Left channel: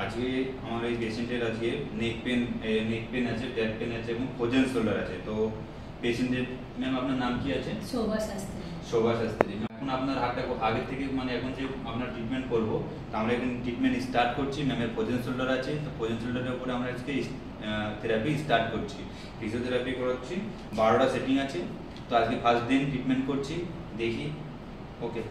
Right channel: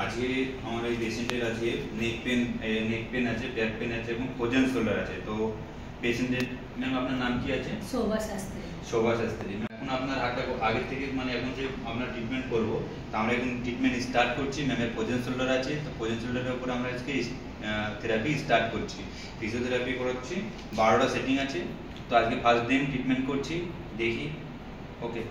আজকে আমার এই পেশেন্টের আছে নেক পেন আছে, ব্যাক পেন আছে এবং ফ্রোজেন শোল্ডার আছে। তো পেশেন্টের ম্যাম আপনার নাম কি আছে? শোভা শাস্ত্রী। শোভা শাস্ত্রী। এখন আপনার হাতটা আগের থেকে মানে এখন যে আমরা ট্রিটমেন্ট করবো, তো আমরা এখন ট্রিটমেন্ট স্টার্ট করছি। ম্যামের ফ্রোজেন শোল্ডার আছে, তো ফ্রোজেন শোল্ডারের উপরে আমরা আজকে থেরাপি স্টার্ট করছি। ফিজিওথেরাপি করাচ্ছি, 12টা সেটিং আছে। তো আজকে ফার্স্ট দিন ট্রিটমেন্ট করছি, দেখি। ওকে,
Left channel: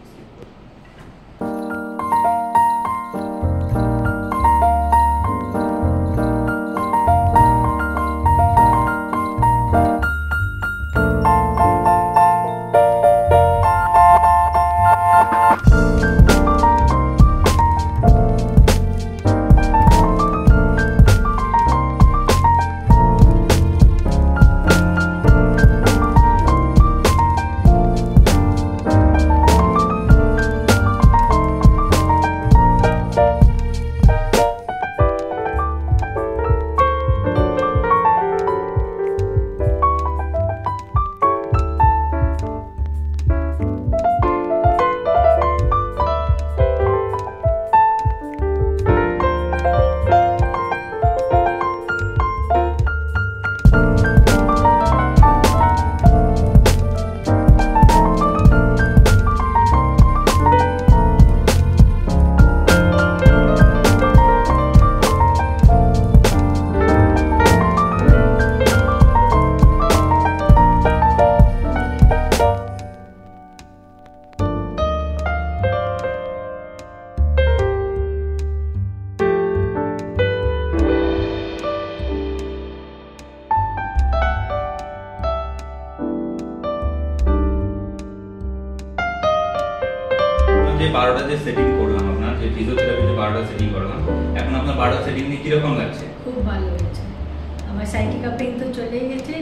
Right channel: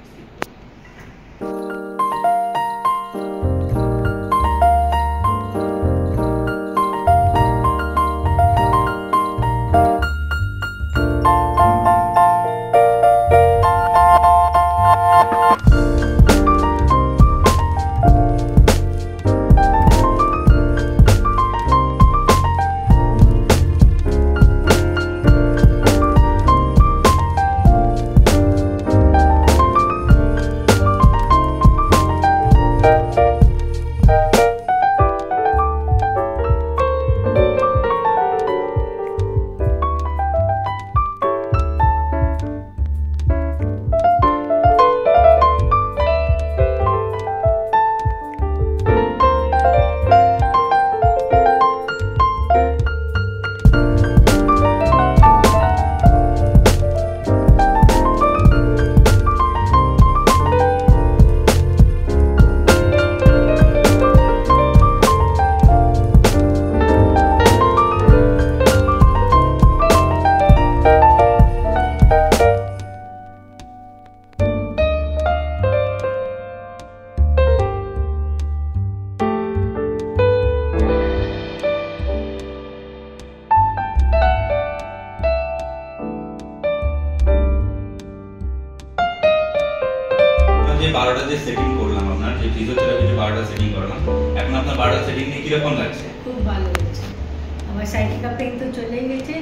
যে 12টা যে সেটিং করলাম, আপনার যে ফিজিওথেরাপি যে 12টা সেটিং করলাম, এখন আপনার 12টা সেটিং নিয়ে কিরকম লাগছে? খুব ভালো লাগছে। আমার সাইটিকা পেইন তো চলেই গেছে,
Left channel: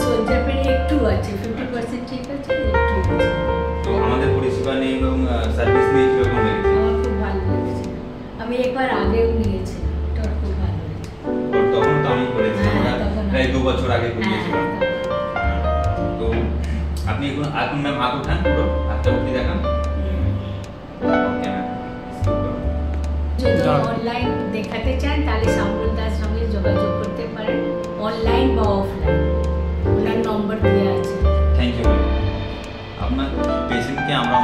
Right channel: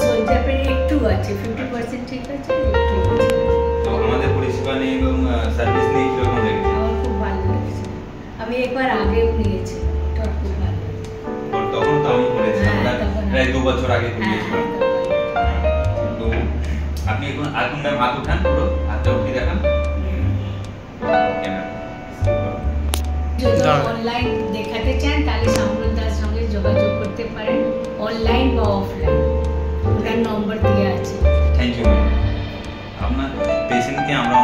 সোলজার পেইন একটু আছে, 50% ঠিক আছে, একটু আছে। তো আমাদের পরিষেবা নিয়ে এবং সার্ভিস নিয়ে কিরকম লেগেছে? আমার খুব ভালো লেগেছে। আমি একবার আগেও নিয়েছি, তো খুব ভালো লেগেছে। তখন তো আমি করেছিলাম, প্রায় 2 বছর আগে করিয়েছিলাম। তো আপনি এখন ম্যাম হাত উঠান, পুরো হাতটা উঠিয়ে দেখান। ওকে ম্যাম, যদি অনলাইন দেখাতে চান তাহলে শামরুল দাস সঙ্গে যোগাযোগ করতে পারেন, অনলাইন বা অফলাইন, ওনার নম্বর দেওয়া আছে। Thank you ma'am. আপনার পেশেন্টকে আমরা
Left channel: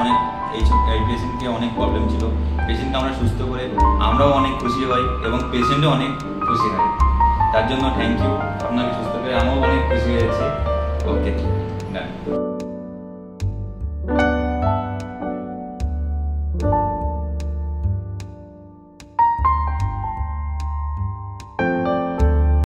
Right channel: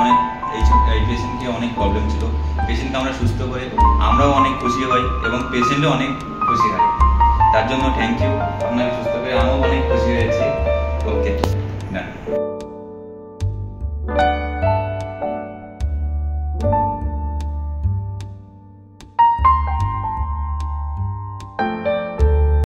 এই পেশেন্টকে অনেক প্রবলেম ছিল, পেশেন্টকে আমরা সুস্থ করে আমরাও অনেক খুশি হই এবং পেশেন্টও অনেক খুশি হয়। তার জন্য থ্যাংক ইউ। আপনাকে সুস্থ করে আমরাও অনেক খুশি হয়েছি। ওকে, ডান।